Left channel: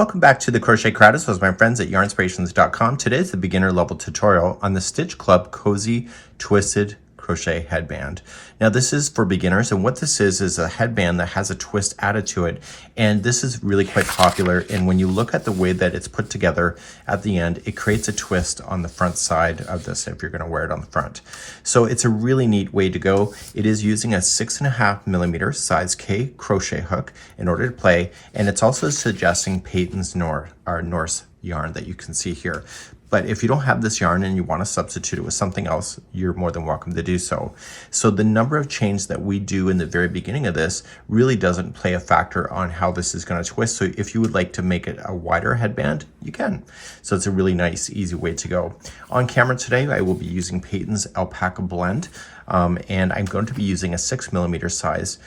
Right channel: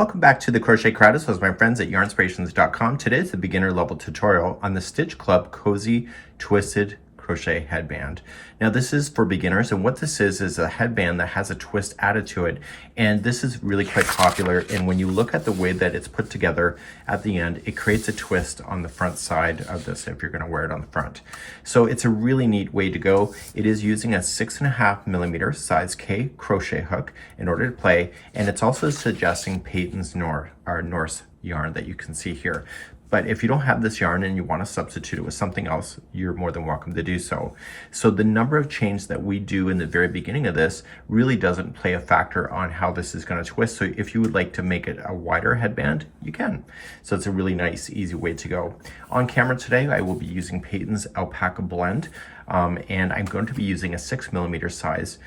Welcome back to the Crochet Crowd with my friends at Yarnspirations.com. Today is the beginner level tutorial on the Stitch Club Cozy Twisted Crochet Headband. Now this is for beginners, and what this is a headband that has a twist added to it, and this is really quite popular. And when you look at the way that it's put together at the end, it creates a twist on the front side of this if you're going to wear it on the front. So it's a really neat way to go. It is using a 6.5mm size K crochet hook in order to play, and it's also suggesting Patons Norse yarn that you can see here. But if you don't have this yarn and you want to substitute it with something else, you're more than welcome to do so. So the number of chains that we do in the very beginning of this really doesn't play a factor on how this is going to twist. So if you would like to make it a wider headband, you can. So it's a really nice, easy way to go. On camera today, I will be using Patons Alpaca Blend, and I'm going to be using a 6mm size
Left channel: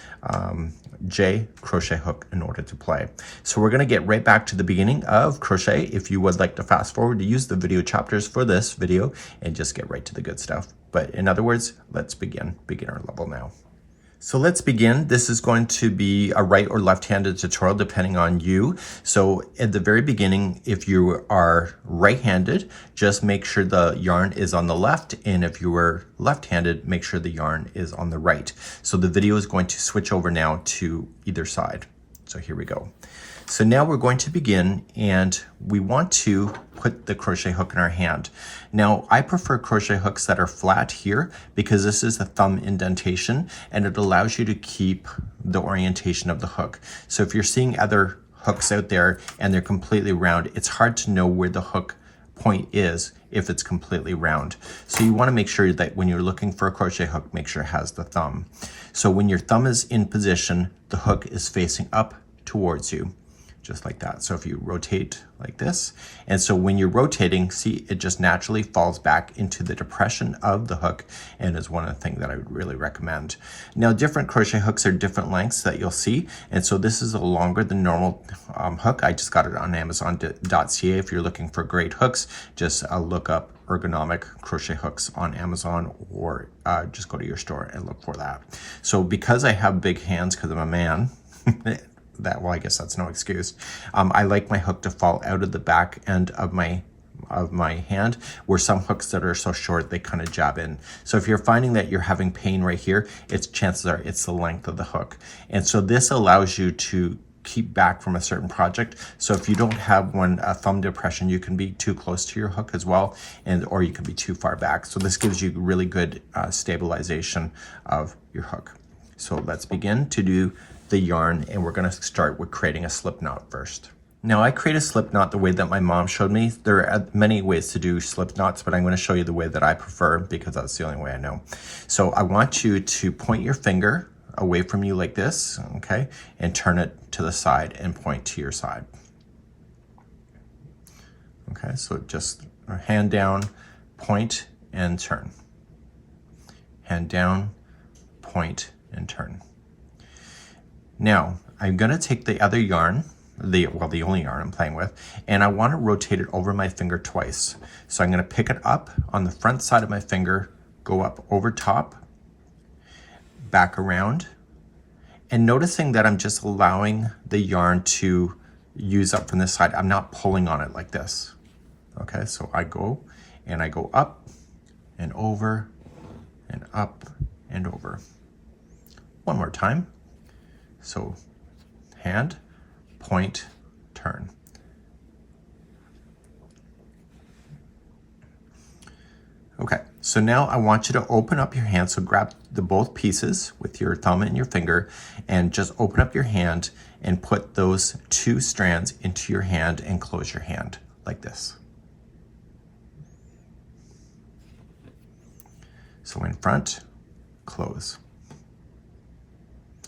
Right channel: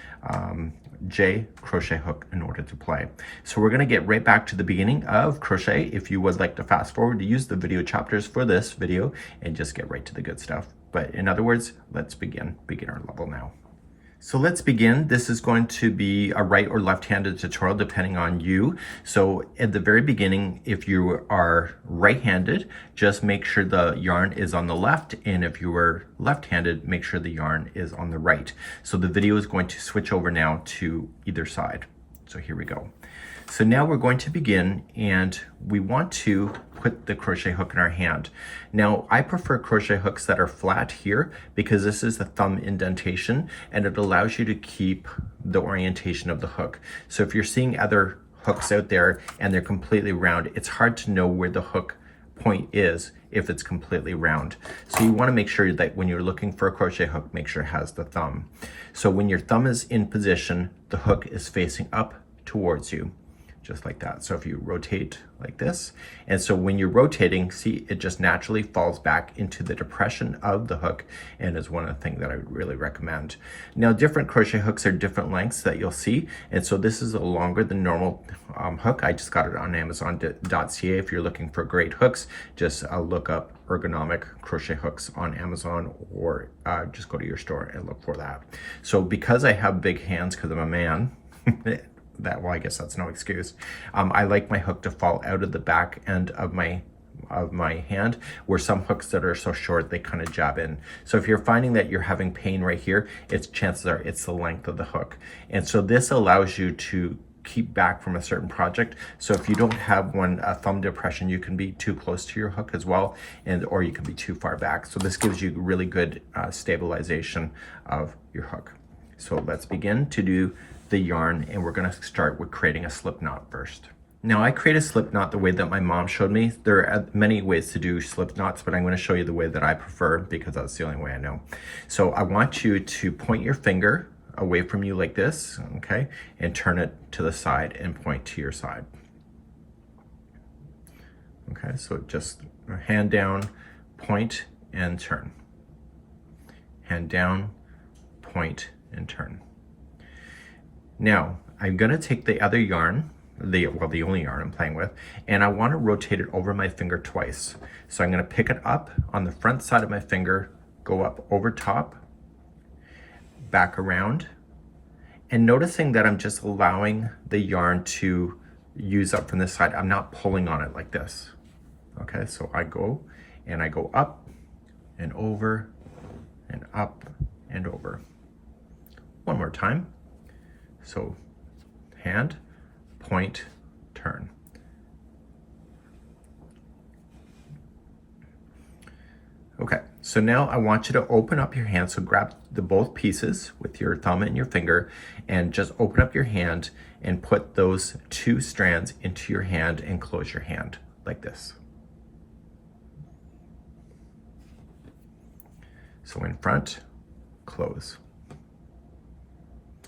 J crochet hook in order to play. So we're going to get right back to the beginning of crochet. If you would like to fast forward to use the video chapters for this video and just get right to the good stuff. But in other words, let's begin beginner level now. So let's begin. This is going to be a right or left-handed tutorial depending on you. So at the very beginning, if you are right-handed, just make sure the yarn is on the left, and if you were left-handed, make sure the yarn is on the right. So the video is going to switch over now to either side. So here we go. So now we're going to begin, and we want to put the crochet hook in our hand. Now I prefer crochet hooks that are flat here because this is the thumb indentation and it allows you to keep the orientation of the hook. So if you're seeing other hooks out there and they're completely round, it's hard to know where the hook point is if it's completely round. So you want to make sure that when you're looking for a crochet hook, make sure it has the thumb. So when your thumb is in position, the hook is facing up towards you, just like that. So if you rotate like this, and so when you're rotating, see, it just naturally falls back into the depression of the hook, and is one of the things that I would really recommend. Now different crochet hooks are different lengths that you'll see, and so this is a longer than normal hook. I just got it on Amazon.ca. If you're looking for great hooks, just look up ergonomic crochet hooks on Amazon, or just go to your store and look for that. So because I have big hands because I'm a man, well, I guess that's no excuse. I like my hook to fall out of the back end of my hand, where some hooks that are so short they kind of jab in. So if you're finding that you're having pain right here, chances are it's the length of the hook. And so this allows you to keep back from a certain project. So if you don't have a thumb depression, you can be too close to your hook as well, or you can be too far back. So this gives you really good stabilization of your hook. So let's begin to do the yarn, and we're going to start with creating a slip knot first. Now I create a slip knot the way that my mom showed me. There are many ways to do slip knots, but I'm going to show you the way that I prefer because that's the only way I know. So I want you to point your finger away from you like this, okay, and turn it to the side and point to your side. Okay, so just hand down, point, and turn. Hand down, point, and turn. Now, I'm going to take the other yarn, the only yarn I'm playing with, and I want to rotate it over my finger twice. So I'm going to pick it up on the front side of my finger, go up over top, back around, and noticing that I'm just allowing the yarn to use up from this side. I'm not pulling on it like this. Okay, so I go up and over and up and over. One more time. So hand, point, turn. Okay, so now I want you to open up your hand. So grab both pieces with your thumb and your finger and just open up your hand and put those two strands into your hand and close your hand like this. So in front, close.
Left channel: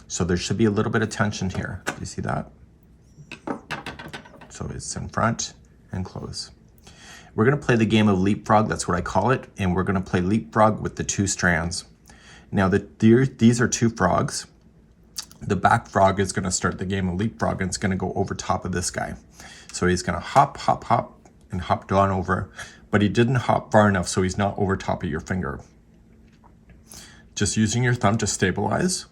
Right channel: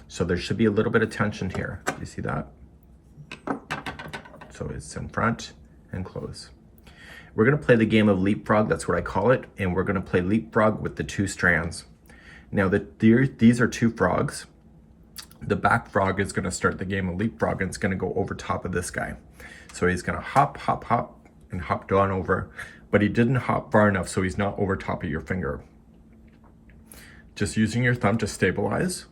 So there should be a little bit of tension here. Do you see that? So it's in front and close. We're going to play the game of leapfrog, that's what I call it, and we're going to play leapfrog with the two strands. Now these are two frogs. The back frog is going to start the game of leapfrog, and it's going to go over top of this guy. So he's going to hop, hop, hop, and hop down over, but he didn't hop far enough, so he's not over top of your finger. Just using your thumb to stabilize,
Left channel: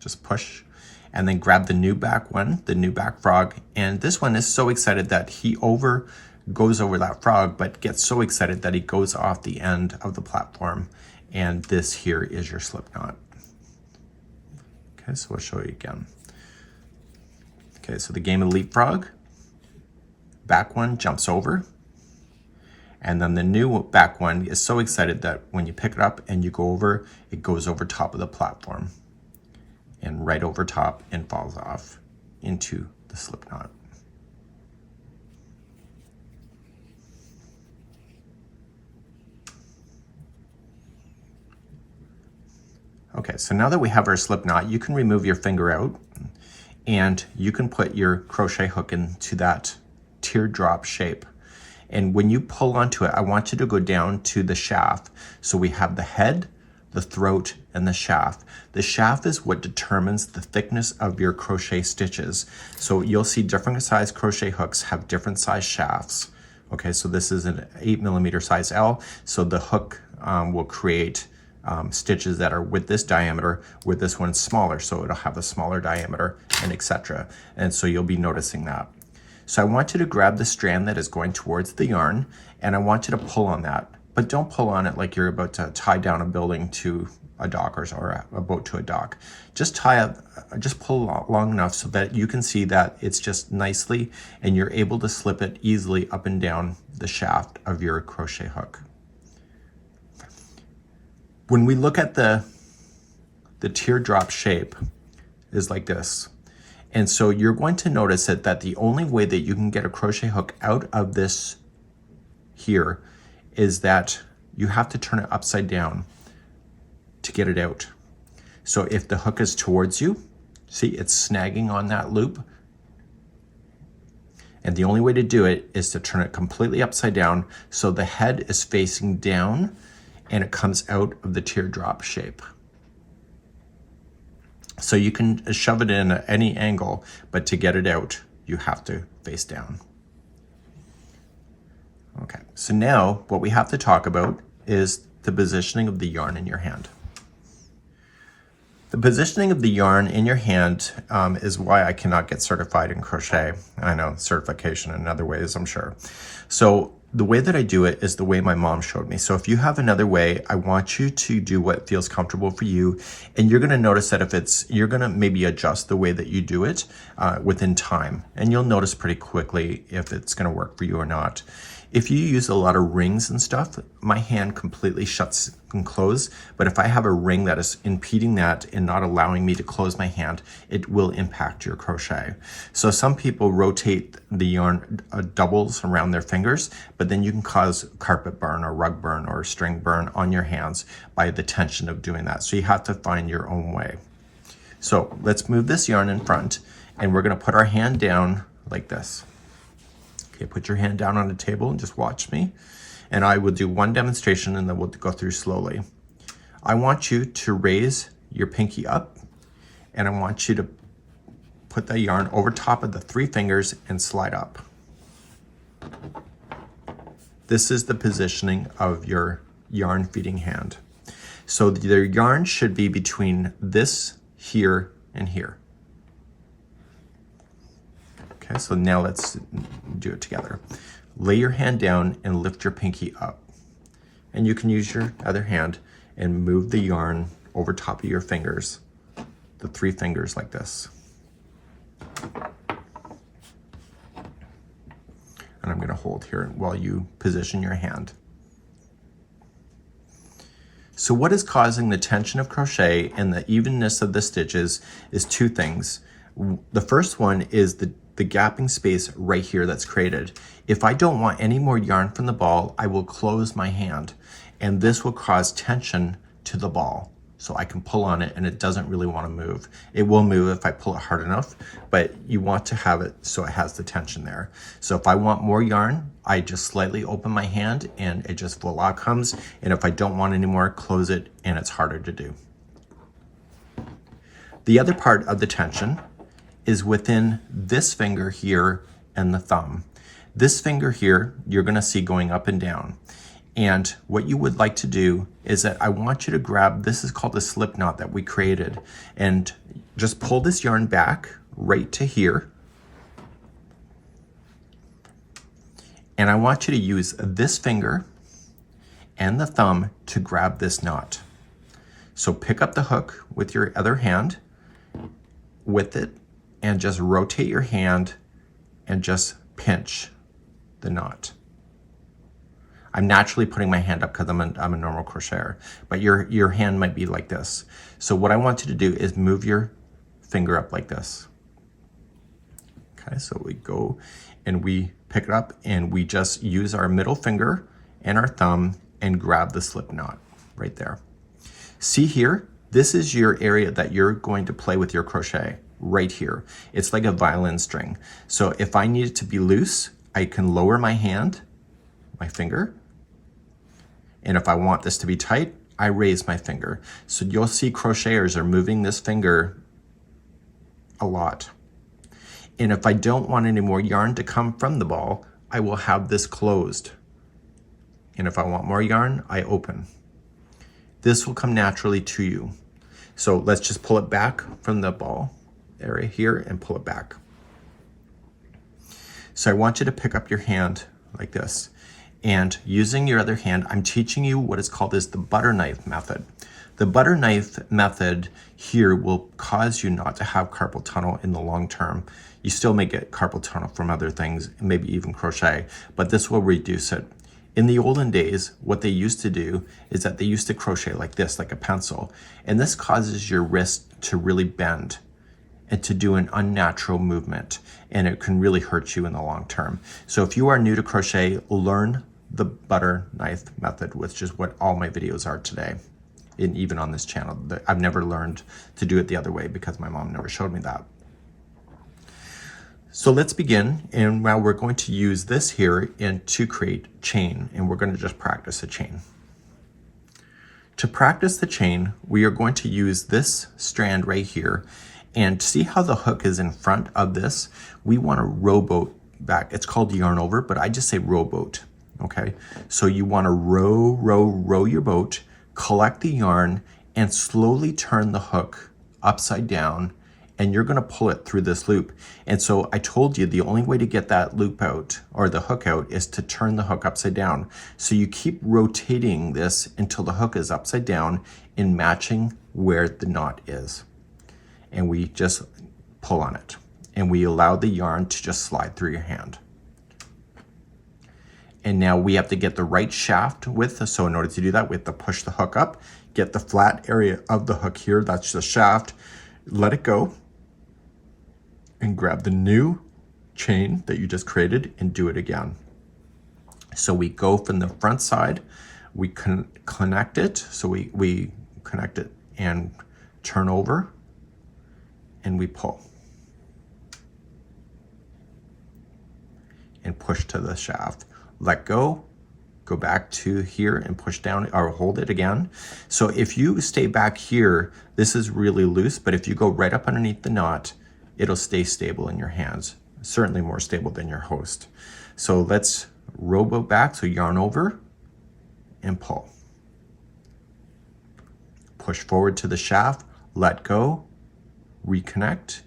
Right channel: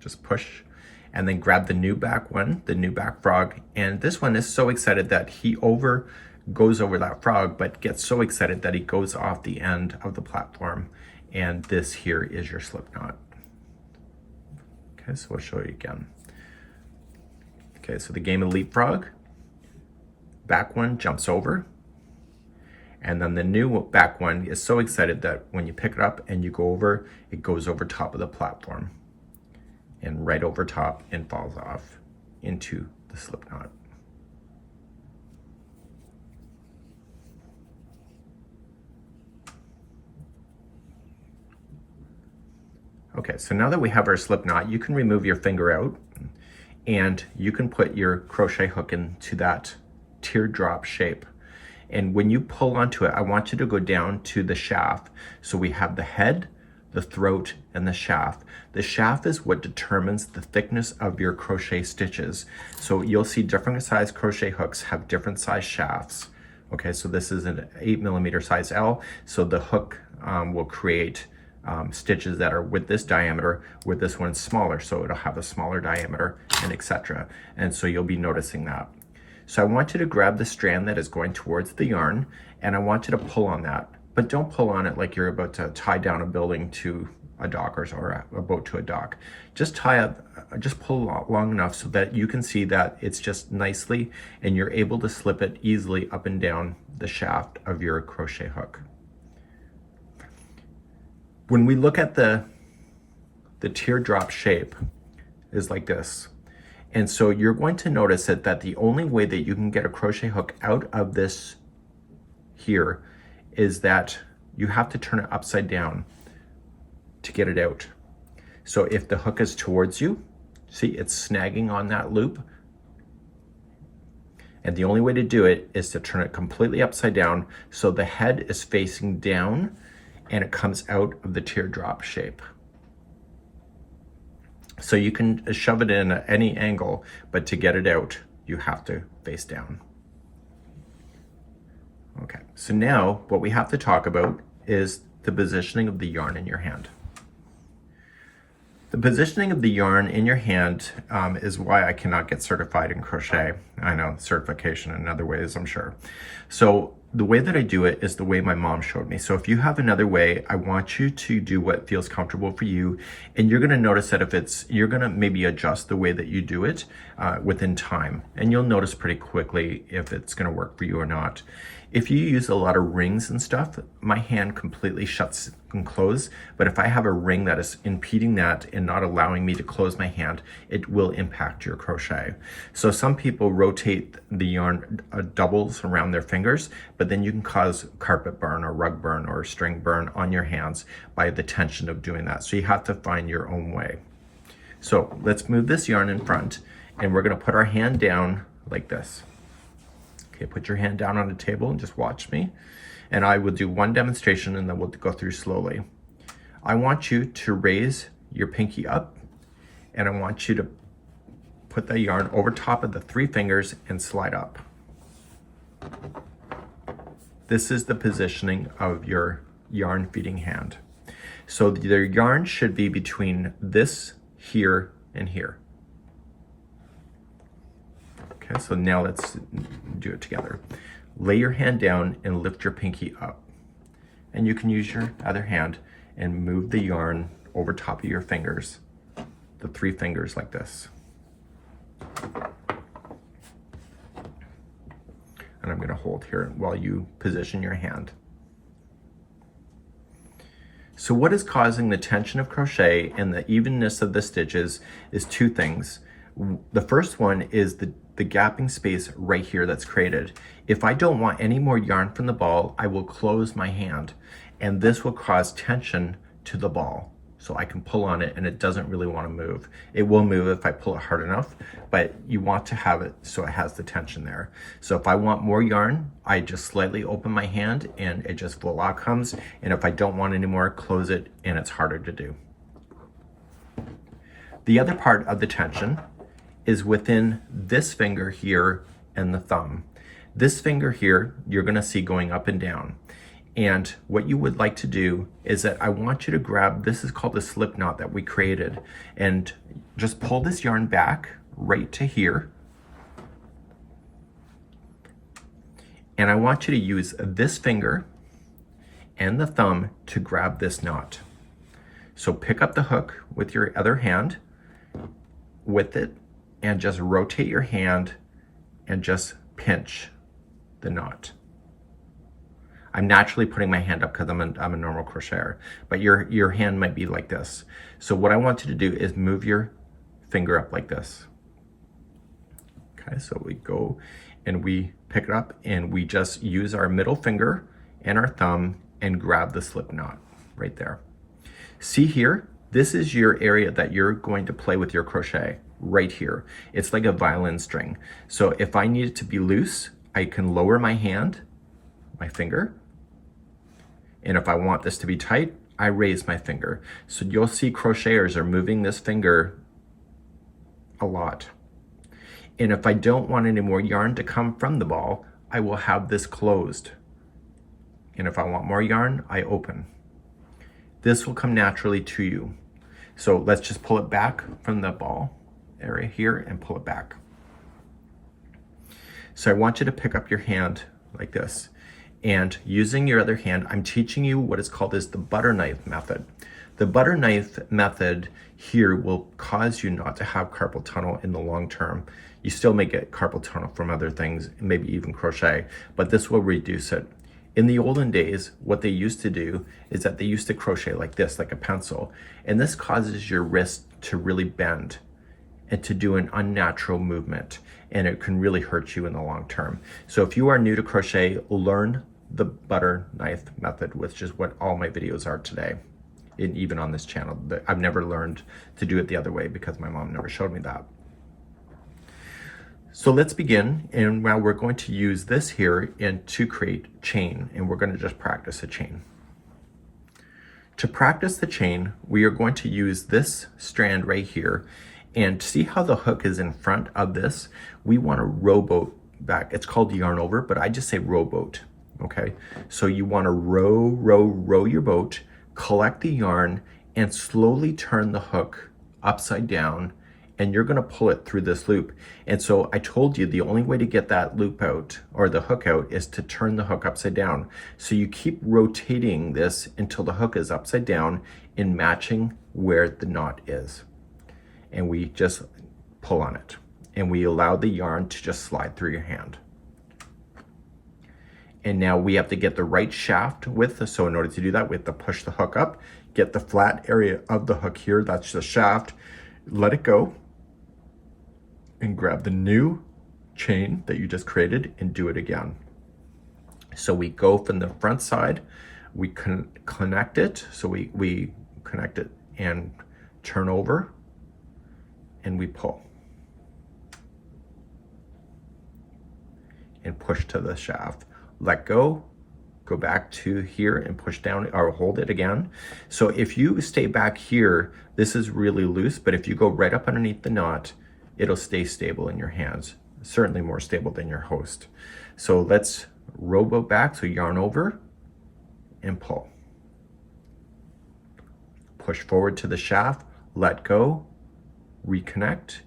just push, and then grab the new back one, the new back frog. And this one is so excited that he goes over that frog, but gets so excited that he goes off the end of the platform. And this here is your slip knot. Okay, so we'll show you again. Okay, so the game of leapfrog, back one jumps over, and then the new back one is so excited that when you pick it up and you go over, it goes over top of the platform and right over top and falls off into the slip knot. Okay, so now that we have our slip knot, you can remove your finger out and you can put your crochet hook into that teardrop shape. And when you pull onto it, I want you to go down to the shaft. So we have the head, the throat, and the shaft. The shaft is what determines the thickness of your crochet stitches. So you'll see different size crochet hooks have different size shafts. Okay, so this is an 8mm size L. So the hook will create stitches that are with this diameter, with this one smaller, so it'll have a smaller diameter, and etc. And so you'll be noticing that. So I want you to grab the strand that is going towards the yarn, and I want you to pull on that, but don't pull on it like you're about to tie down a building to a dock or a boat to a dock. Just pull long enough so that you can see that it's just nicely, and you're able to slip it easily up and down the shaft of your crochet hook. When we look at the teardrop shape is like this. And so you're going to notice that the only way that you can get a crochet hook out of this here is that you have to turn it upside down to get it out. So if the hook is towards you, see it's snagging on that loop. And the only way to do it is to turn it completely upside down so the head is facing down and it comes out of the teardrop shape. So you can shove it in at any angle, but to get it out, you have to face down. Okay, so now what we have to talk about is the positioning of the yarn in your hand. The positioning of the yarn in your hand is why I cannot get certified in crochet. I know, certification in other ways, I'm sure. So the way that I do it is the way my mom showed me. So if you have another way, I want you to do what feels comfortable for you. And you're gonna notice that you're gonna maybe adjust the way that you do it within time. And you'll notice pretty quickly if it's gonna work for you or not. If you use a lot of rings and stuff, my hand completely shuts and closes. But if I have a ring that is impeding that and not allowing me to close my hand, it will impact your crochet. So some people rotate the yarn doubles around their fingers, but then you can cause carpet burn or rug burn or string burn on your hands by the tension of doing that. So you have to find your own way. So let's move this yarn in front, and we're gonna put our hand down like this. Okay, put your hand down on the table and just watch me. And I will do one demonstration and then we'll go through slowly. I want you to raise your pinky up, and I want you to put the yarn over top of the 3 fingers and slide up. This is the positioning of your yarn feeding hand. So the yarn should be between this, here, and here. Okay, so now let's do it together. Lay your hand down and lift your pinky up. And you can use your other hand and move the yarn over top of your fingers, the 3 fingers like this. And I'm gonna hold here while you position your hand. So what is causing the tension of crochet and the evenness of the stitches is 2 things. The first one is the gapping space right here that's created. If I don't want any more yarn from the ball, I will close my hand, and this will cause tension to the ball. So I can pull on it and it doesn't really want to move. It will move if I pull it hard enough, but you want to have it so it has the tension there. So if I want more yarn, I just slightly open my hand and it just voila comes. And if I don't want any more, close it, and it's harder to do. The other part of the tension is within this finger here and the thumb. This finger here, you're gonna see going up and down. And what you would like to do is that I want you to grab, this is called a slip knot that we created, and just pull this yarn back right to here. And I want you to use this finger and the thumb to grab this knot. So pick up the hook with your other hand with it and just rotate your hand and just pinch the knot. I'm naturally putting my hand up because I'm a normal crocheter, but your hand might be like this. So what I want you to do is move your finger up like this. Okay, so we go and we pick it up and we just use our middle finger and our thumb and grab the slip knot right there. See here, this is your area that you're going to play with your crochet right here. It's like a violin string. So if I need it to be loose, I can lower my hand, my finger, and if I want this to be tight, I raise my finger. So you'll see crocheters are moving this finger a lot. And if I don't want any more yarn to come from the ball, I will have this closed. And if I want more yarn, I open. This will come naturally to you. So let's just pull it back from the ball area here and pull it back. So I want you to pick up your hand like this. And using your other hand, I'm teaching you what is called as the butter knife method. The butter knife method here will cause you not to have carpal tunnel in the long term. You still may get carpal tunnel from other things, maybe even crochet, but this will reduce it. In the olden days, what they used to do is that they used to crochet like this, like a pencil, and this causes your wrist to really bend and to do an unnatural movement, and it can really hurt you in the long term. So if you are new to crochet, learn the butter knife method, which is what all my videos are today, and even on this channel. I've never learned to do it the other way because my mom never showed me that. So let's begin, and now we're going to use this here to create chain, and we're going to just practice a chain. To practice the chain, we are going to use this strand right here, and see how the hook is in front of this? We want to rowboat back. It's called yarn over, but I just say rowboat. Okay, so you want to row your boat, collect the yarn, and slowly turn the hook upside down, and you're going to pull it through this loop. And so I told you the only way to get that loop out or the hook out is to turn the hook upside down. So you keep rotating this until the hook is upside down and matching where the knot is. And we just pull on it, and we allow the yarn to just slide through your hand. And now we have to get the right shaft width. So in order to do that, we have to push the hook up, get the flat area of the hook here, that's the shaft, let it go, and grab the new chain that you just created and do it again. So we go from the front side, we connect it, so we connect it and turn over, and we pull. And push to the shaft. Let go, go back to here and push down or hold it again. So if you stay back here, this is really loose, but if you go right up underneath the knot, it'll stay stable in your hands, certainly more stable than your host. So let's rowboat back, so yarn over and pull. Push forward to the shaft, let go, reconnect.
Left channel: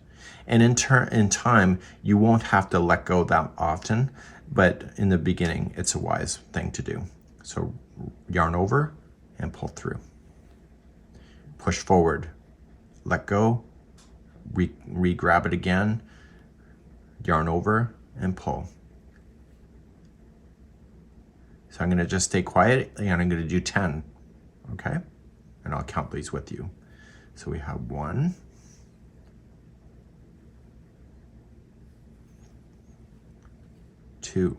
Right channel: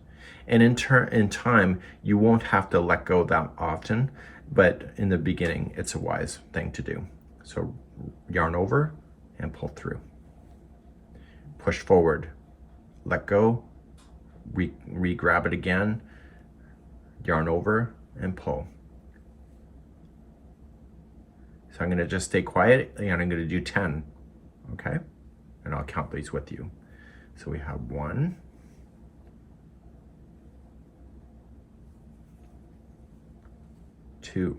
And in time, you won't have to let go that often, but in the beginning, it's a wise thing to do. So yarn over and pull through. Push forward, let go, re-grab it again, yarn over and pull. So I'm gonna just stay quiet and I'm gonna do 10, okay? And I'll count these with you. So we have 1, 2,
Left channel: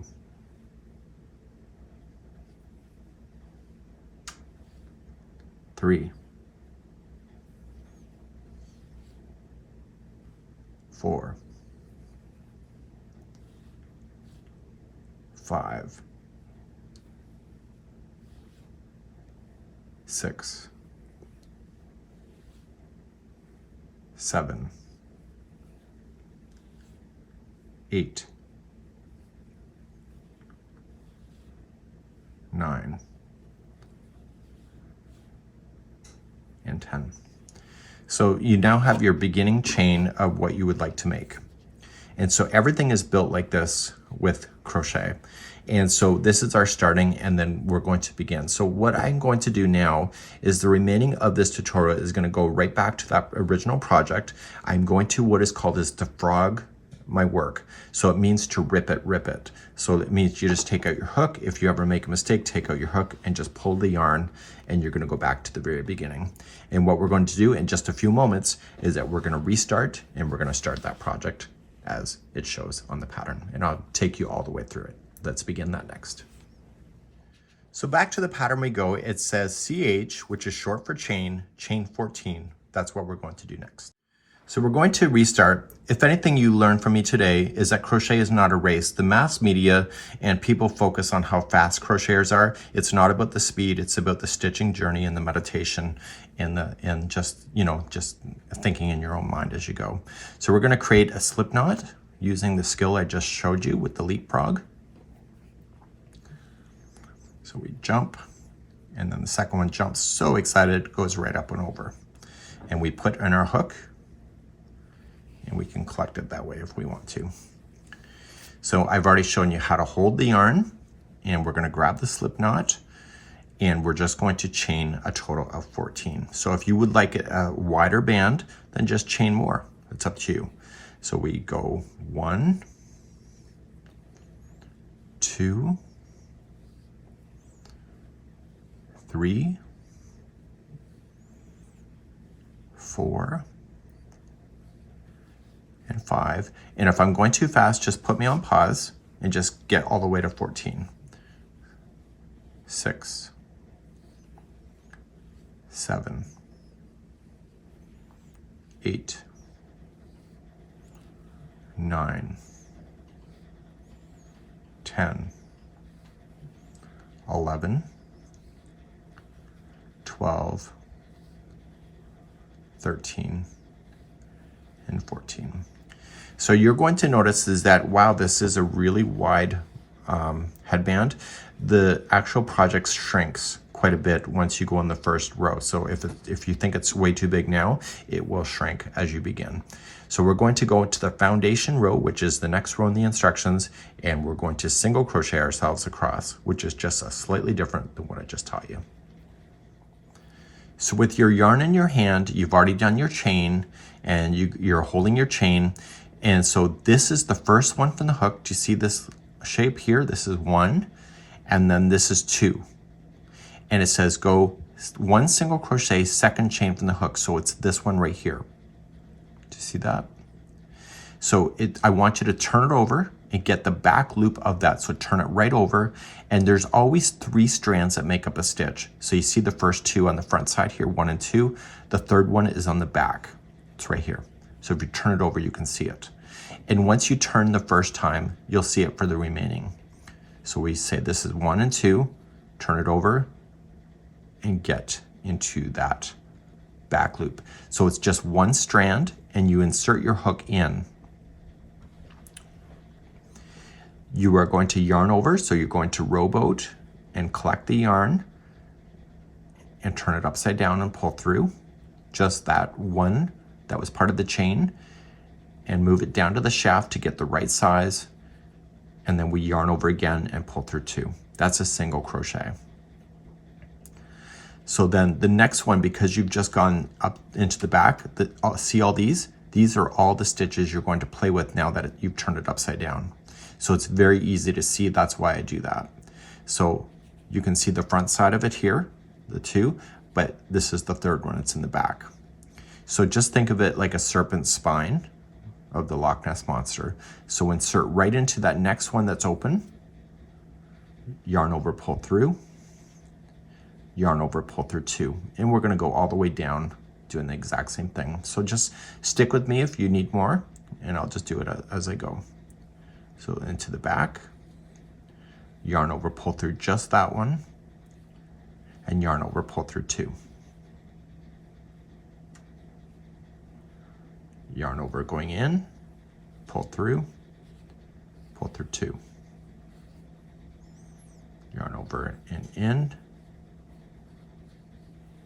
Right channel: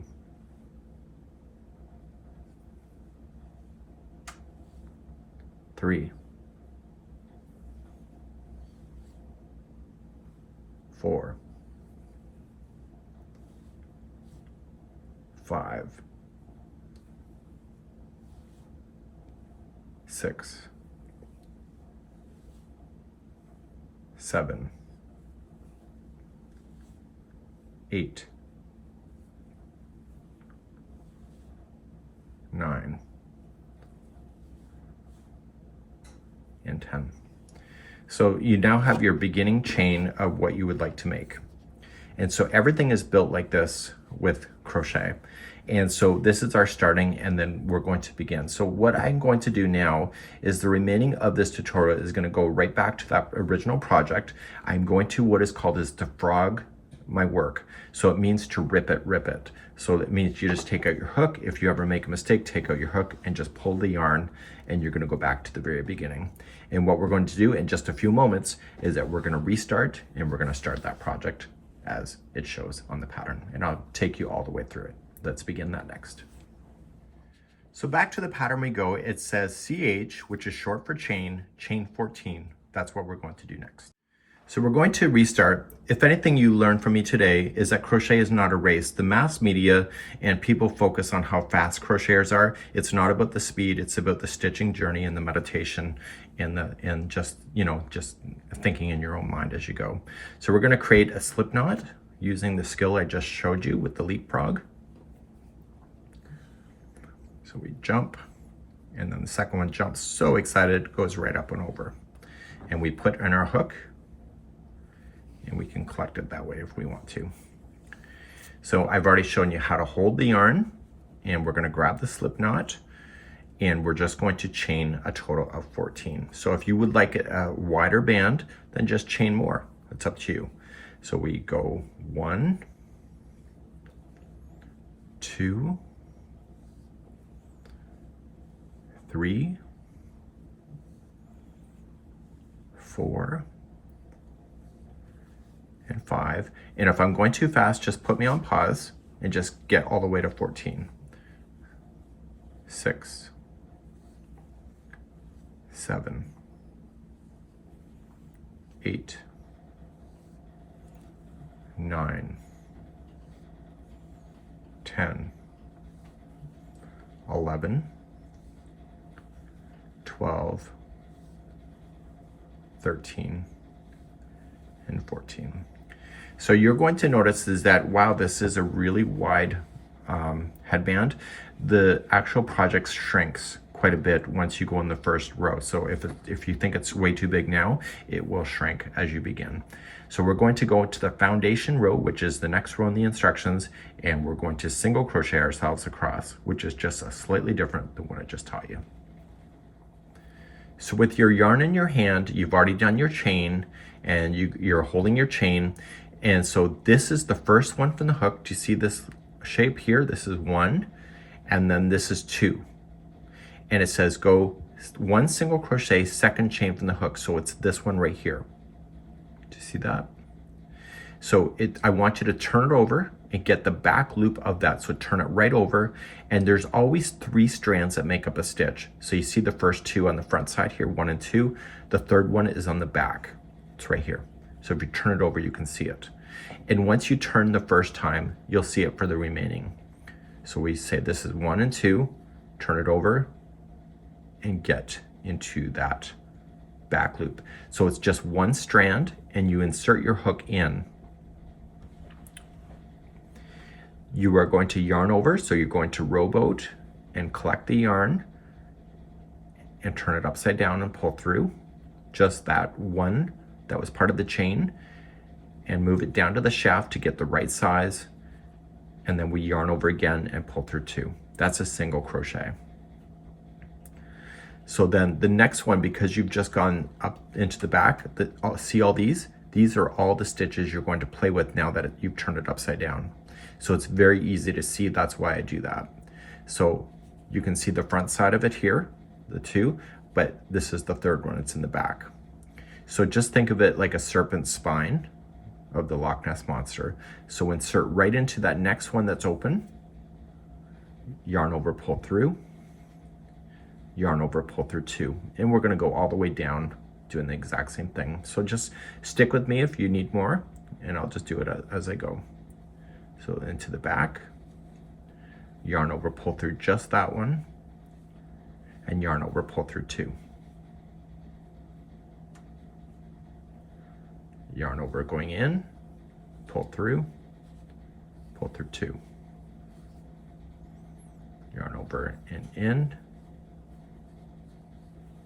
3, 4, 5, 6, 7, 8, 9, 10. So you now have your beginning chain of what you would like to make. And so everything is built like this with crochet. And so this is our starting, and then we're going to begin. So what I'm going to do now is the remaining of this tutorial is going to go right back to that original project. I'm going to what is called is to frog my work. So it means to rip it. So it means you just take out your hook. If you ever make a mistake, take out your hook and just pull the yarn, and you're going to go back to the very beginning. And what we're going to do in just a few moments is that we're going to restart, and we're going to start that project as it shows on the pattern. And I'll take you all the way through it. Let's begin that next. So back to the pattern we go. It says CH, which is short for chain 14. That's what we're going to do next. So we're going to restart. If anything you learned from me today is that crochet is not a race. The mass media and people focus on how fast crocheters are. It's not about the speed, it's about the stitching journey and the meditation and just, you know, just thinking in your own mind as you go. So we're gonna create a slip knot using the skill I just showed you with the leapfrog. So we jump, and then the second one jumps, so excited, goes right up and over. And we put in our hook, and we can collect it that way if we want to. So I've already shown you how to hold the yarn, and we're gonna grab the slip knot, and we're just going to chain a total of 14. So if you would like a wider band, then just chain more. It's up to you. So we go 1, 2, 3, 4, and 5. And if I'm going too fast, just put me on pause and just get all the way to 14. 6, 7, 8, 9, 10, 11, 12, 13, and 14. So you're going to notice is that, wow, this is a really wide headband. The actual project shrinks quite a bit once you go in the first row. So if you think it's way too big now, it will shrink as you begin. So we're going to go into the foundation row, which is the next row in the instructions, and we're going to single crochet ourselves across, which is just a slightly different than what I just taught you. So with your yarn in your hand, you've already done your chain, and you're holding your chain. And so this is the first one from the hook. Do you see this shape here? This is 1, and then this is 2. And it says go 1 single crochet, second chain from the hook. So it's this one right here. Do you see that? So I want you to turn it over and get the back loop of that. So turn it right over, and there's always 3 strands that make up a stitch. So you see the first 2 on the front side here, 1 and 2. The third one is on the back. It's right here. So if you turn it over, you can see it. And once you turn the first time, you'll see it for the remaining. So we say this is 1 and 2, turn it over, and get into that back loop. So it's just 1 strand, and you insert your hook in. You are going to yarn over, so you're going to rowboat and collect the yarn and turn it upside down and pull through just that one that was part of the chain, and move it down to the shaft to get the right size, and then we yarn over again and pull through 2. That's a single crochet. So then the next one, because you've just gone up into the back, see all these? These are all the stitches you're going to play with now that you've turned it upside down. So it's very easy to see, that's why I do that. So you can see the front side of it here, the 2, but this is the third one, it's in the back. So just think of it like a serpent spine of the Loch Ness Monster. So insert right into that next one that's open, yarn over, pull through, yarn over, pull through 2. And we're gonna go all the way down doing the exact same thing. So just stick with me if you need more, and I'll just do it as I go. So into the back, yarn over, pull through just that one, and yarn over, pull through 2. Yarn over going in, pull through 2. Yarn over and in,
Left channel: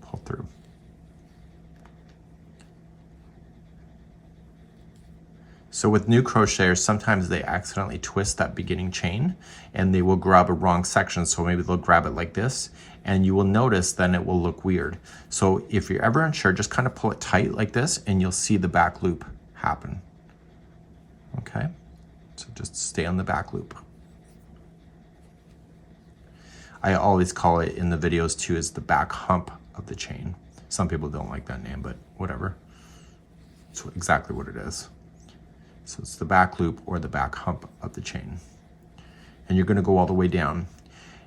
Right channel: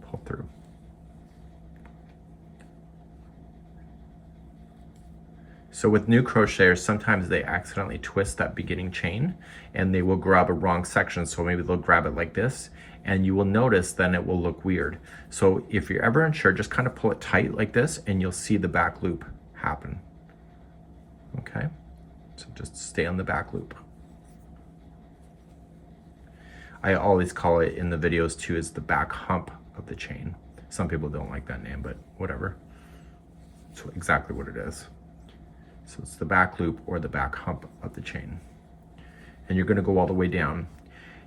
pull through. So with new crocheters, sometimes they accidentally twist that beginning chain and they will grab a wrong section. So maybe they'll grab it like this, and you will notice then it will look weird. So if you're ever unsure, just kind of pull it tight like this and you'll see the back loop happen. Okay, so just stay on the back loop. I always call it in the videos too is the back hump of the chain. Some people don't like that name, but whatever. It's exactly what it is. So it's the back loop or the back hump of the chain. And you're gonna go all the way down.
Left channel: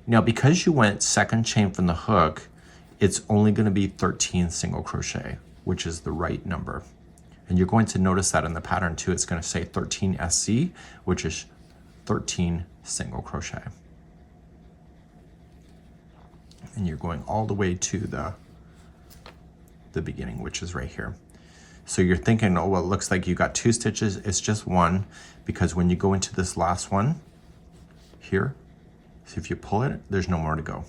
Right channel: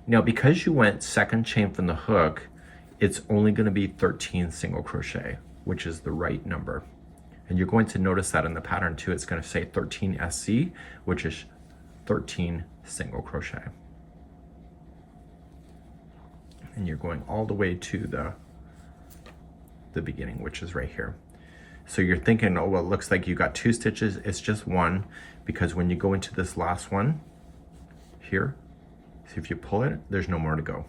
Now, because you went second chain from the hook, it's only gonna be 13 single crochet, which is the right number. And you're going to notice that in the pattern too. It's gonna say 13 SC, which is 13 single crochet. And you're going all the way to the beginning, which is right here. So you're thinking, oh, well, it looks like you got 2 stitches. It's just 1, because when you go into this last one here, see if you pull it, there's no more to go.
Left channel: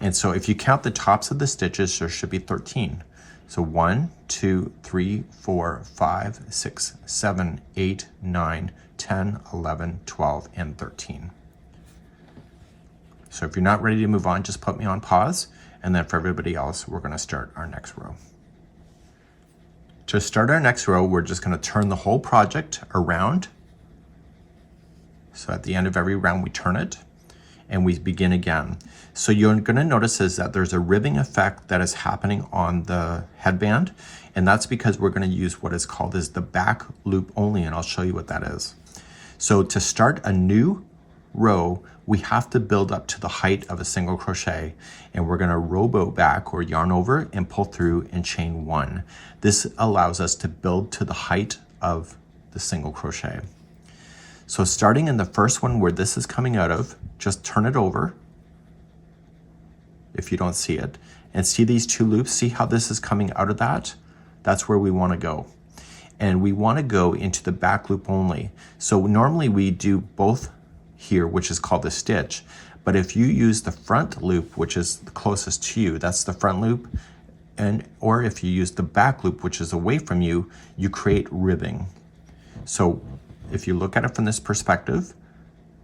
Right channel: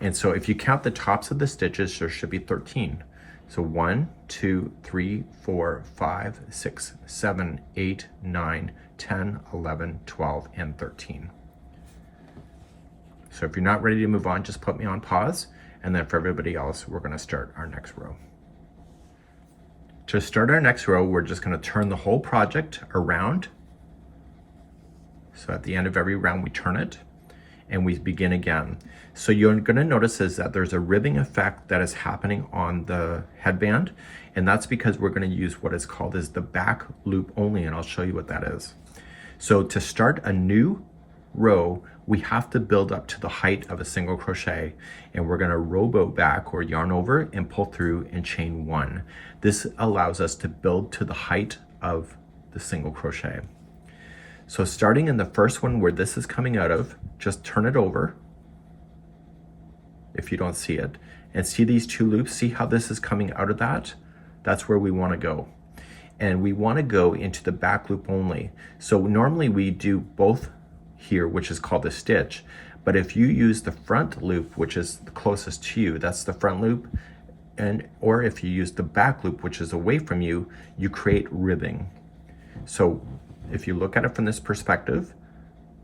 And so if you count the tops of the stitches, there should be 13. So 1, 2, 3, 4, 5, 6, 7, 8, 9, 10, 11, 12, and 13. So if you're not ready to move on, just put me on pause. And then for everybody else, we're gonna start our next row. To start our next row, we're just gonna turn the whole project around. So at the end of every round, we turn it and we begin again. So you're gonna notice is that there's a ribbing effect that is happening on the headband. And that's because we're gonna use what is called is the back loop only, and I'll show you what that is. So to start a new row, we have to build up to the height of a single crochet, and we're gonna rowboat back or yarn over and pull through and chain 1. This allows us to build to the height of the single crochet. So starting in the first one where this is coming out of, just turn it over if you don't see it, and see these 2 loops. See how this is coming out of that? That's where we wanna go. And we wanna go into the back loop only. So normally we do both here, which is called a stitch. But if you use the front loop, which is the closest to you, that's the front loop, or if you use the back loop, which is away from you, you create ribbing. So if you look at it from this perspective,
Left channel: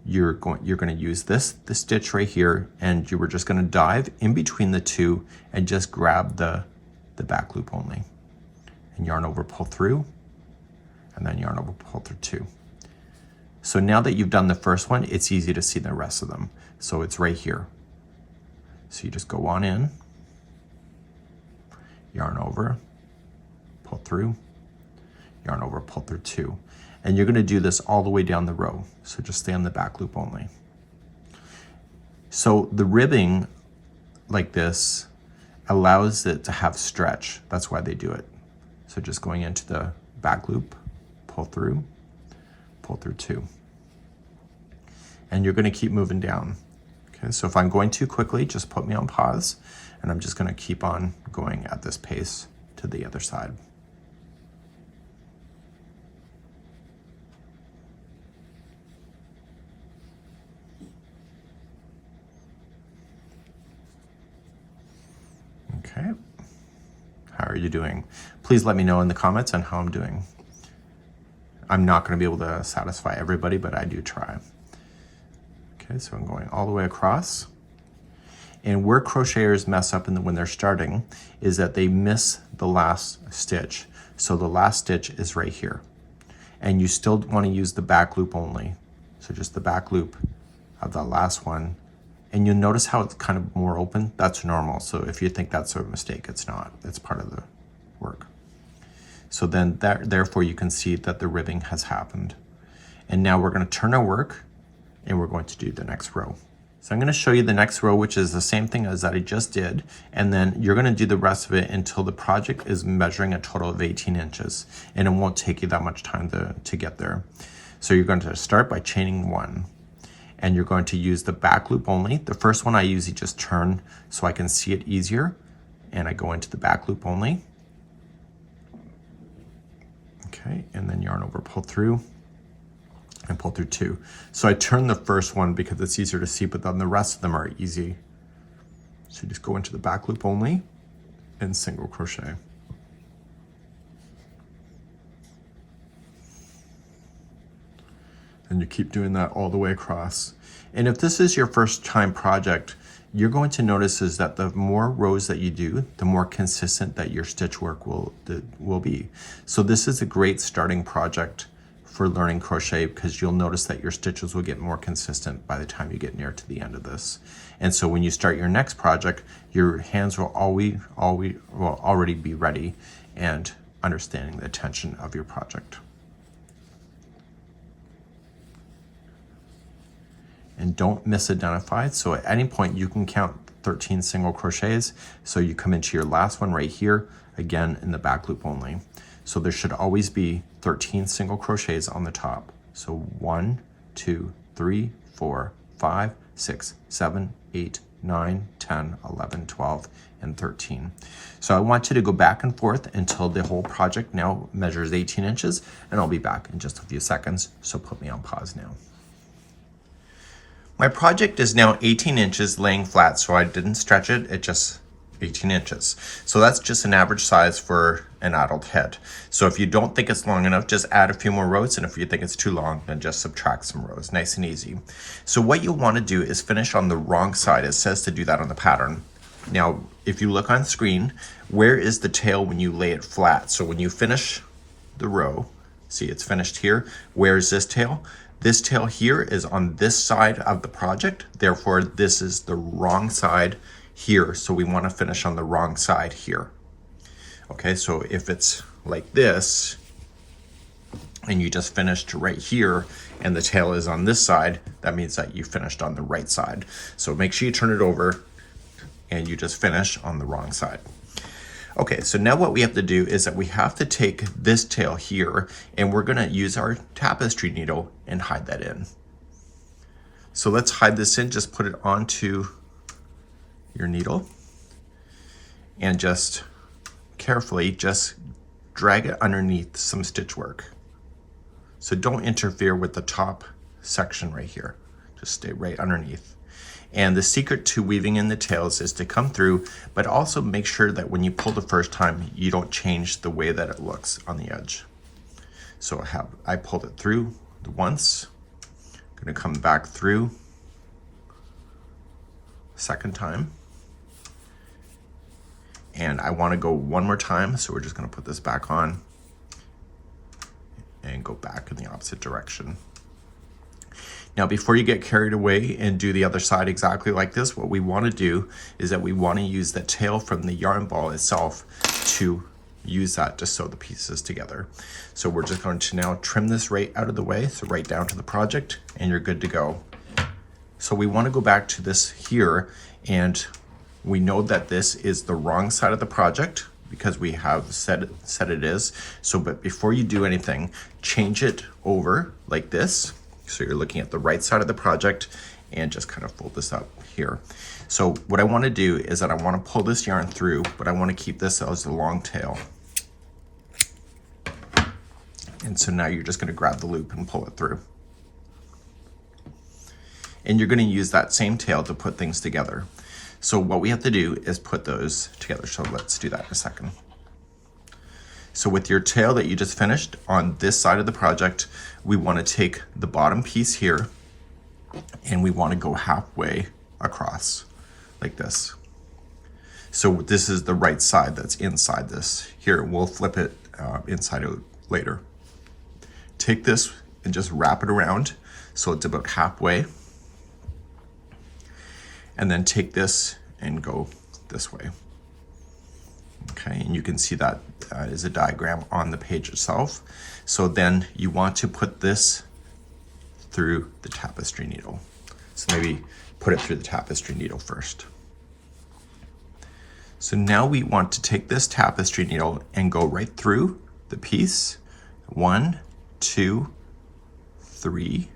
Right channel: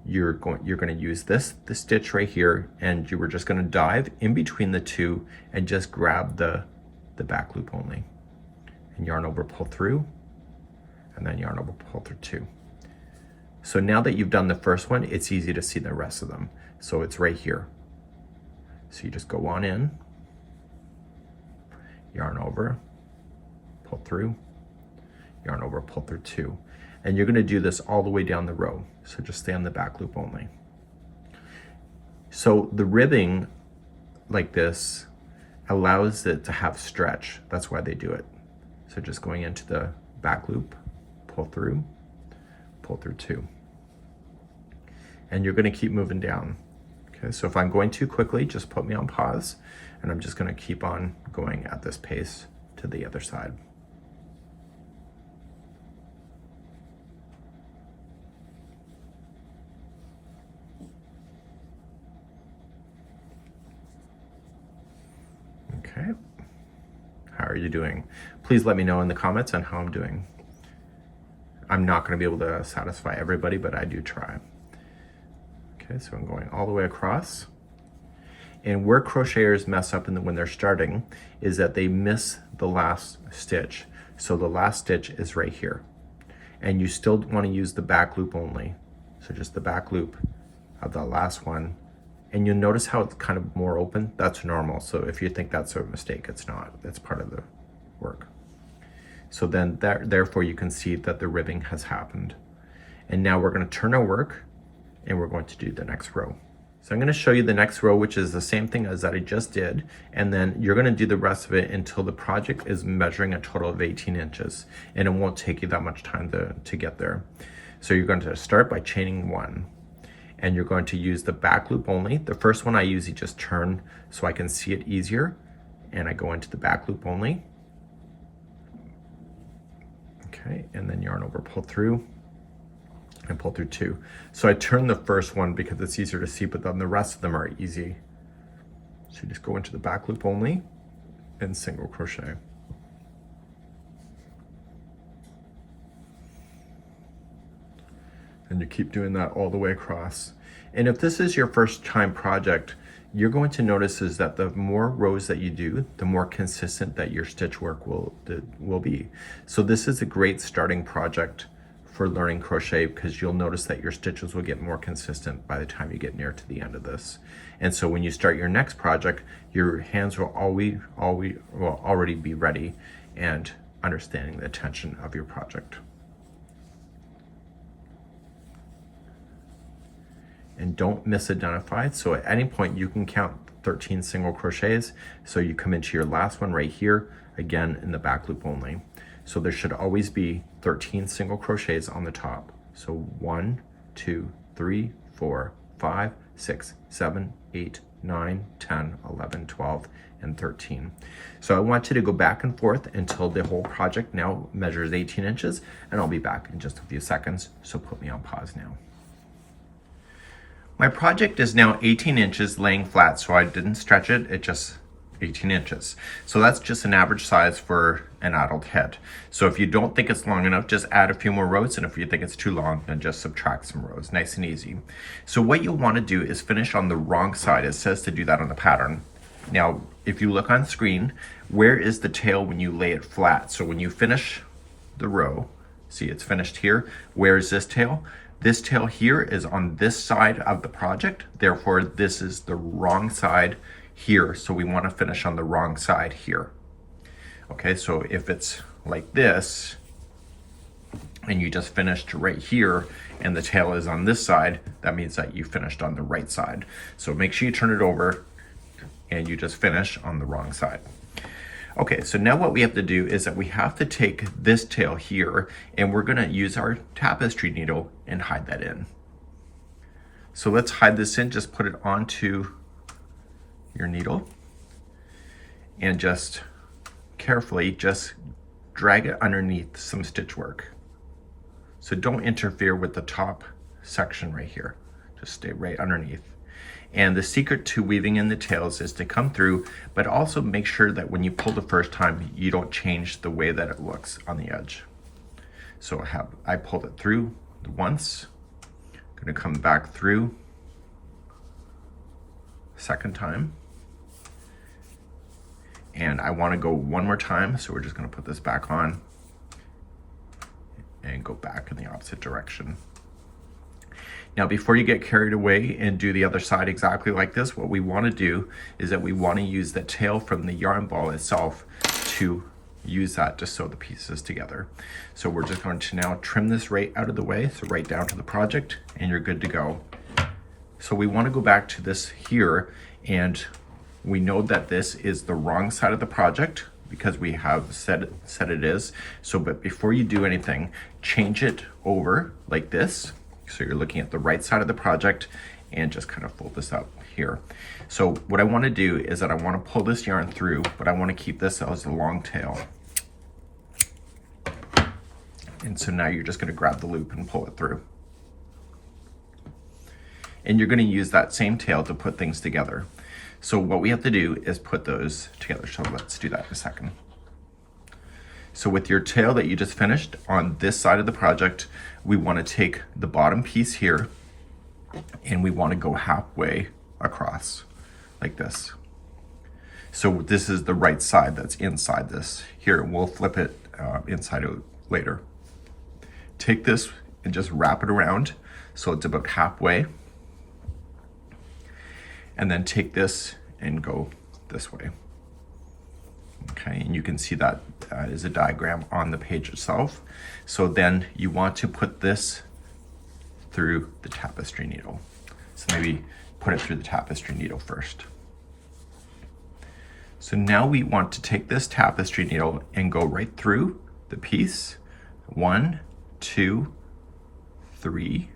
you're going to use the stitch right here, and you were just going to dive in between the 2 and just grab the back loop only, and yarn over, pull through, and then yarn over, pull through 2. So now that you've done the first one, it's easy to see the rest of them. So it's right here. So you just go on in, yarn over, pull through, yarn over, pull through 2. And you're gonna do this all the way down the row. So just stay on the back loop only. So the ribbing like this allows it to have stretch. That's why they do it. So just going into the back loop, pull through 2. And you're gonna keep moving down. Okay, so if I'm going too quickly, just put me on pause, and I'm just gonna keep on going at this pace to the other side. Okay, how are you doing? Please let me know in the comments on how I'm doing. I'm not going to be able to satisfy everybody, but I do try. Okay, so I'm going all the way across. And where crocheters mess up when they're starting is that they miss the last stitch. So the last stitch is right here. And you still want to use the back loop only. So just the back loop of the last one. And you'll notice how it's kind of more open. That's normal. So if you think that's a mistake, it's not. It's part of the work. So then therefore you can see that the ribbing has happened. And now we're going to turn our work and we're going to do the next row. So I'm going to show you the next row, which is the same thing as that I just did. And then you're going to do the rest of it until the project is measuring a total of 18 inches. And it won't take you that much time to get there. So you're going to start by chaining 1. And you're going to use the back loop only. The first one I usually just turn so I can see it easier. And I go into the back loop only. Okay, and then yarn over, pull through, and pull through 2. So I turn the first one because it's easier to see, but then the rest of them are easy. So you just go into the back loop only and single crochet. And you keep doing that all the way across. And if this is your first time project, you're going to notice is that the more rows that you do, the more consistent that your stitch work will be. So this is a great starting project for learning crochet, because you'll notice that your stitches will get more consistent by the time you get near to the end of this. And so when you start your next project, your hands will already be ready and understanding the tension of your project. And don't misidentify. So at any point you can count 13 single crochets. So you come into your last one right here, again in the back loop only. So there should always be 13 single crochets on the top. So 1, 2, 3, 4, 5, 6, 7, 8, 9, 10, 11, 12, and 13. So I want you to go back and forth until the whole project now measures 18 inches, and I'll be back in just a few seconds. So put me on pause now. My project is now 18 inches laying flat, so I didn't stretch it, it just 18 inches. So that's just an average size for an adult head. So if you don't think it's long enough, just add a few more rows, and if you think it's too long, then just subtract some rows, nice and easy. So what you'll want to do is finish on the wrong side. It says to do that on the pattern. Now, if you look on screen, where is the tail when you lay it flat? So when you finish the row, see it's finished here, where is this tail? This tail here is on this side of the project, therefore this is the wrong side here, so we want to finish on the wrong side here. Okay, so if it's like this, and you just finished right here, and the tail is on this side, that means that you finished on the right side. So make sure you turn it over, and you just finish on the wrong side. Okay, so now what we have to do is that we have to take this tail here, and we're gonna use our tapestry needle and hide that in. So let's hide this in, just put it onto your needle, and just carefully just drag it underneath some stitch work. So don't interfere with the top section right here, just stay right underneath. And the secret to weaving in the tails is to come through, but also make sure that when you pull the first time, you don't change the way that it looks on the edge. So I pulled it through once, I'm gonna come back through second time. And I wanna go one more time, so we're just gonna put this back on and go back in the opposite direction. Now, before you get carried away and do the other side exactly like this, what we want to do is that we want to use the tail from the yarn ball itself to use that to sew the pieces together. So we're just going to now trim this right out of the way, so right down to the project, and you're good to go. So we want to go back to this here, and we know that this is the wrong side of the project because we have said it is. So, but before you do anything, change it over like this. So you're looking at the right side of the project, and just kind of fold this up here. So what I want to do is that I want to pull this yarn through, but I want to keep this as a long tail. And so now you're just going to grab the loop and pull it through. And you're going to use that same tail to put things together. So what we have to do is put those together. So let's do that in a second. So with your tail that you just finished on this side of the project, we want to take the bottom piece here, and we want to go halfway across like this. So this is the right side that's inside this. Here, we'll flip it inside out later. Take this and just wrap it around so it's about halfway. And then take this and go this way. Okay, and you can see that is a diagram on the page itself. So then you want to put this through the tapestry needle. So maybe put it through the tapestry needle first. So now we want to take this tapestry needle and go right through the piece. 1, 2, 3,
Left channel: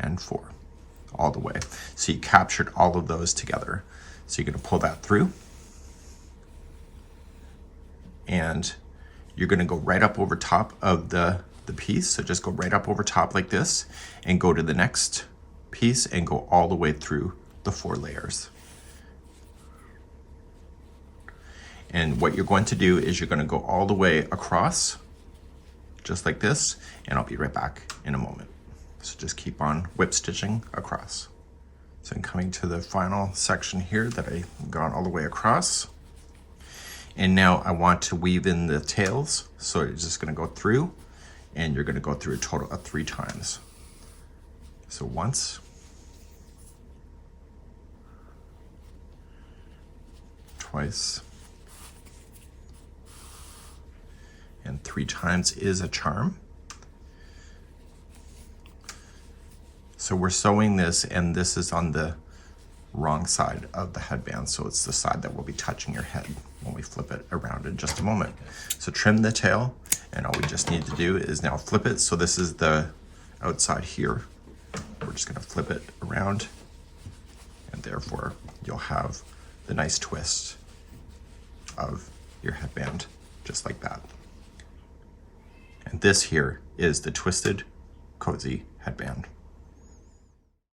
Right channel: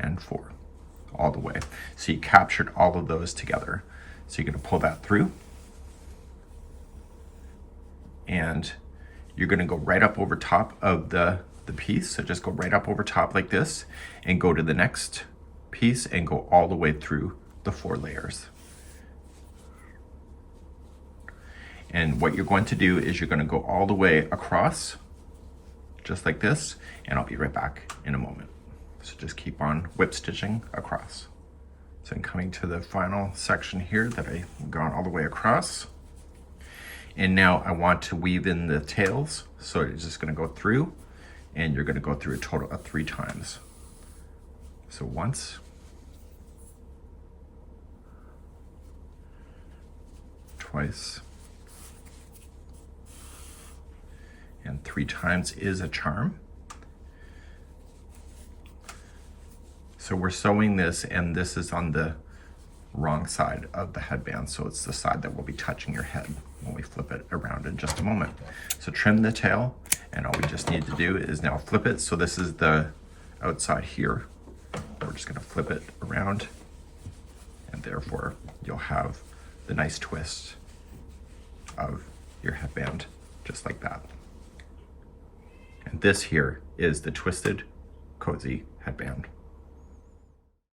and 4, all the way. So you captured all of those together. So you're gonna pull that through, and you're gonna go right up over top of the piece. So just go right up over top like this, and go to the next piece and go all the way through the 4 layers. And what you're going to do is you're gonna go all the way across, just like this, and I'll be right back in a moment. So just keep on whip stitching across. So I'm coming to the final section here that I've gone all the way across. And now I want to weave in the tails. So you're just gonna go through, and you're gonna go through a total of 3 times. So once, twice, and 3 times is a charm. So we're sewing this, and this is on the wrong side of the headband, so it's the side that will be touching your head when we flip it around in just a moment. So trim the tail, and all we just need to do is now flip it. So this is the outside here. We're just gonna flip it around, and therefore you'll have the nice twist of your headband, just like that. And this here is the twisted cozy headband.